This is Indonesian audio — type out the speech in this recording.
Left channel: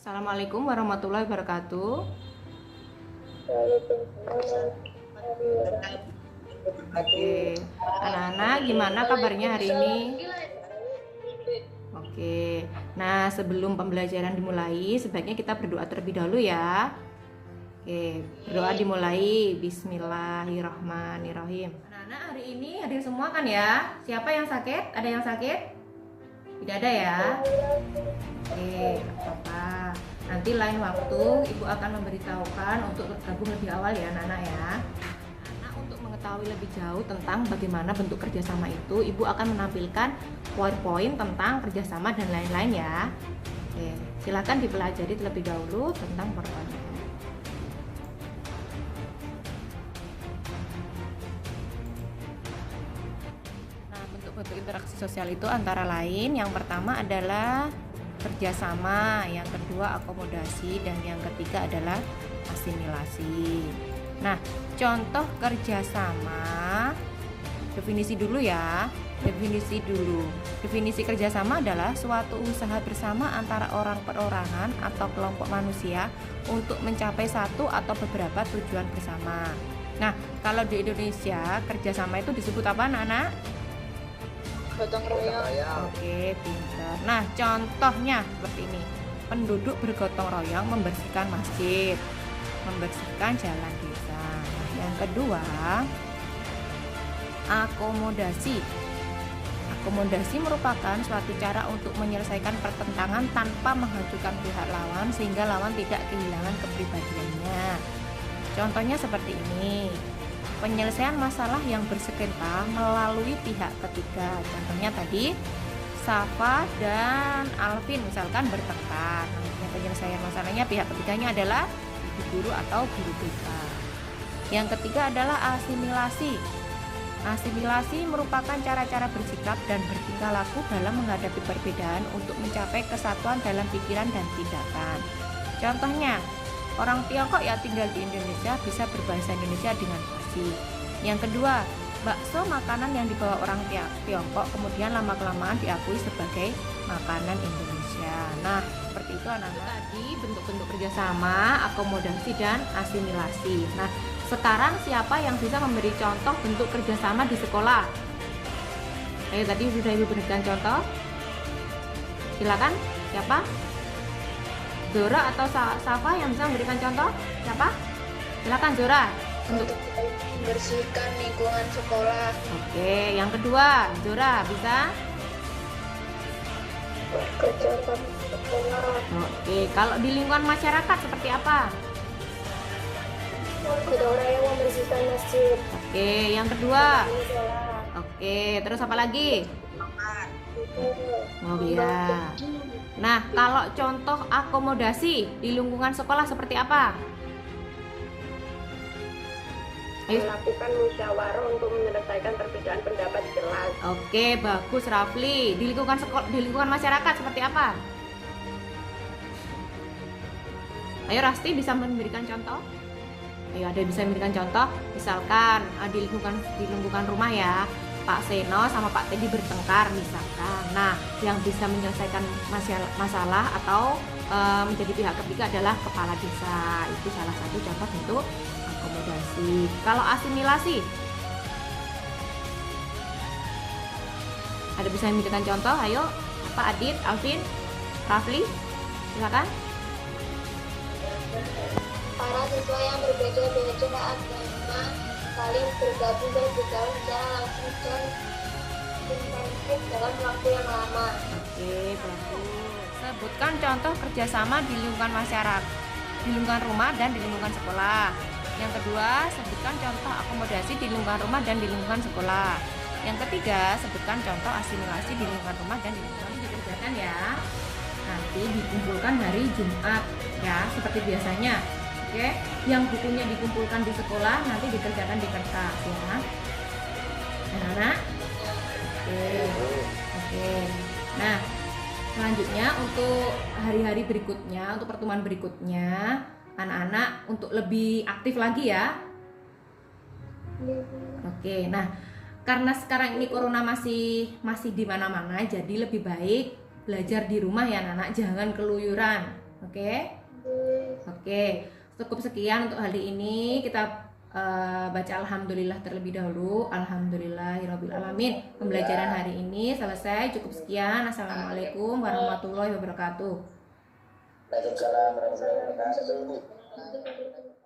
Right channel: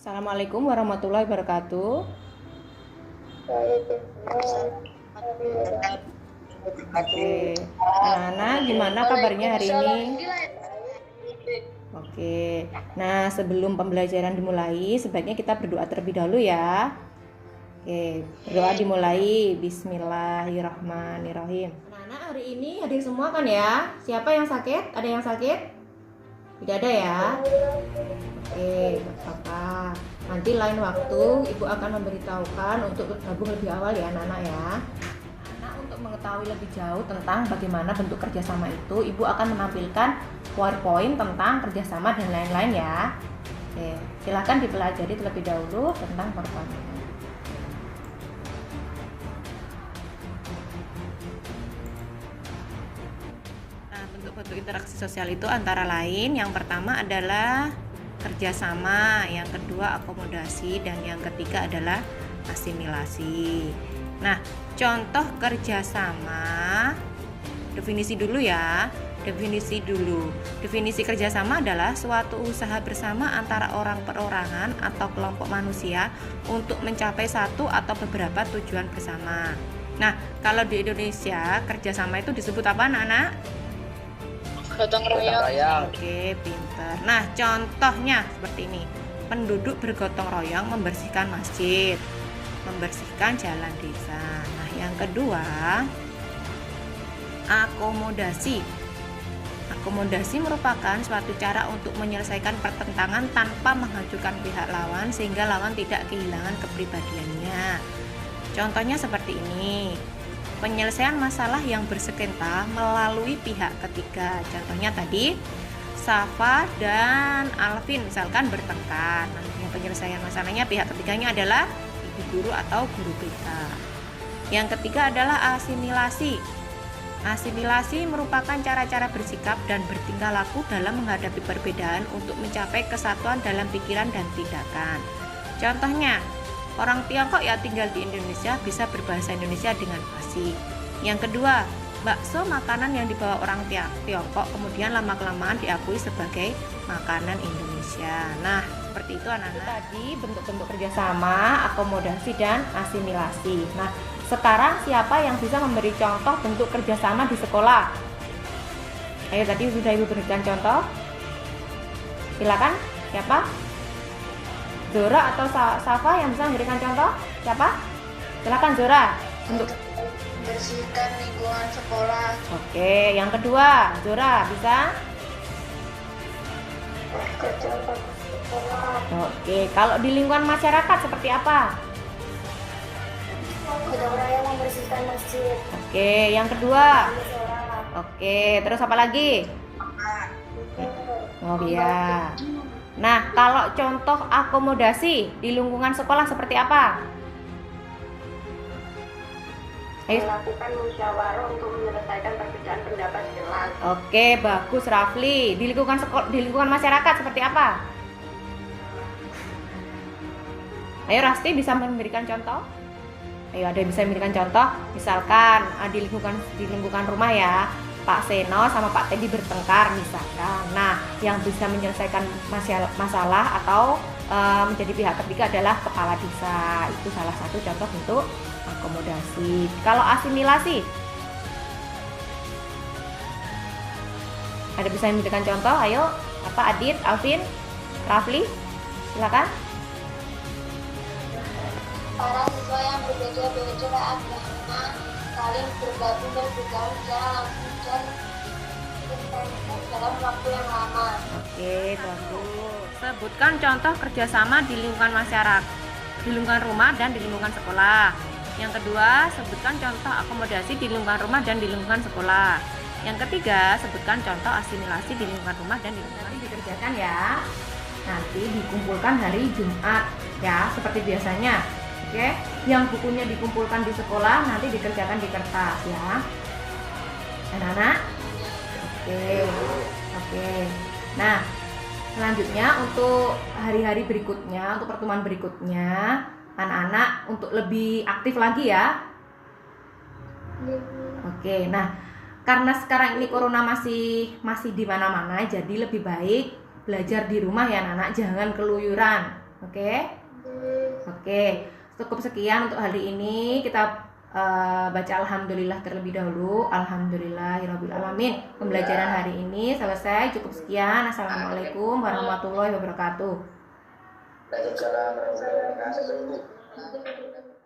Assalamualaikum warahmatullahi wabarakatuh. Oke, anak-anak gimana kabarnya hari ini? Oke, nah sebelum pembelajaran dimulai, sebaiknya kita berdoa terlebih dahulu ya. Oke, berdoa dimulai. Bismillahirrahmanirrahim. Anak-anak hari ini hadir semua kan ya? Siapa yang sakit? Ada yang sakit? Tidak ada ya? Oke, gak apa-apa. Nanti lain waktu Ibu akan memberitahukan untuk bergabung lebih awal ya anak-anak ya. Nah, untuk mengetahui lebih jauh tentang bagaimana bentuk kerjasama itu, Ibu akan menampilkan PowerPoint tentang kerjasama dan lain-lain ya. Oke, silahkan dipelajari terlebih dahulu tentang PowerPoint. Nah, bentuk-bentuk interaksi sosial itu antara lain yang pertama adalah kerjasama, yang kedua akomodasi, dan yang ketiga adalah asimilasi. Nah, contoh kerjasama, definisi dulu ya. Definisi kerjasama adalah suatu usaha bersama antara orang perorangan atau kelompok manusia untuk mencapai satu atau beberapa tujuan bersama. Nah, kalau di Indonesia kerjasama itu disebut apa anak-anak? Gotong royong. Oke, pinter. Nah, contohnya seperti ini. Penduduk bergotong royong membersihkan masjid, membersihkan jalan desa. Nah, yang kedua, akomodasi. Akomodasi merupakan suatu cara untuk menyelesaikan pertentangan tanpa menghancurkan pihak lawan sehingga lawan tidak kehilangan kepribadiannya. Contohnya seperti ini. Penyelesaian masalah yang bersengketa melalui pihak ketiga. Contohnya tadi Safa dan Alvin misalkan bertengkar. Nah, penyelesaian masalahnya pihak ketiganya adalah ibu guru atau guru BK. Yang ketiga adalah asimilasi. Asimilasi merupakan cara-cara bersikap dan bertingkah laku dalam menghadapi perbedaan untuk mencapai kesatuan dalam pikiran dan tindakan. Contohnya, orang Tiongkok yang tinggal di Indonesia bisa berbahasa Indonesia dengan fasih. Yang kedua, bakso makanan yang dibawa orang Tiongkok kemudian lama-kelamaan diakui sebagai makanan Indonesia. Nah, seperti itu anak-anak. Tadi bentuk-bentuk kerjasama, akomodasi, dan asimilasi. Nah, sekarang siapa yang bisa memberi contoh bentuk kerjasama di sekolah? Ayo tadi bisa Ibu berikan contoh. Silakan, siapa? Zora atau Safa yang bisa memberikan contoh? Siapa? Silakan Zora. Untuk Membersihkan lingkungan sekolah. Oke, yang kedua, Zora bisa? Oke, kalau di lingkungan masyarakat seperti apa? Gotong royong membersihkan masjid. Oke, yang kedua. Oke, terus apa lagi? Oh iya. Nah, kalau contoh akomodasi di lingkungan sekolah seperti apa? Melakukan musyawarah untuk menyelesaikan perbedaan pendapat jelas. Oke, bagus Rafli. Di lingkungan di lingkungan masyarakat seperti apa? Ayo Rasti bisa memberikan contoh? Ayo ada yang bisa memberikan contoh? Misalkan di lingkungan rumah ya, Pak Seno sama Pak Teddy bertengkar misalkan. Nah, yang bisa menyelesaikan masalah atau menjadi pihak ketiga adalah kepala desa. Itu salah satu contoh bentuk akomodasi. Kalau asimilasi, ada bisa memberikan contoh? Ayo, apa Adit, Alvin, Rafli, silakan. Para siswa yang berbeda-beda agama saling bergabung berbicara secara langsung dan intensif dalam waktu yang lama. Oke, bagus. Sebutkan contoh kerjasama di lingkungan masyarakat, di lingkungan rumah dan di lingkungan sekolah. Yang kedua, sebutkan contoh akomodasi di lingkungan rumah dan di lingkungan sekolah. Yang ketiga, sebutkan contoh asimilasi di lingkungan rumah dan di lingkungan dikerjakan ya. Nanti dikumpulkan hari Jumat ya, seperti biasanya. Oke, yang bukunya dikumpulkan di sekolah nanti dikerjakan di kertas ya. Anak-anak? Oke. Nah, selanjutnya untuk hari-hari berikutnya, untuk pertemuan berikutnya, anak-anak untuk lebih aktif lagi ya. Oke, nah karena sekarang ini corona masih di mana-mana, jadi lebih baik belajar di rumah ya anak-anak, jangan keluyuran. Oke? Oke, cukup sekian untuk hari ini. Kita baca alhamdulillah terlebih dahulu. Alhamdulillahirabbil alamin. Pembelajaran hari ini selesai. Cukup sekian. Assalamualaikum warahmatullahi wabarakatuh. Waalaikumsalam warahmatullahi wabarakatuh.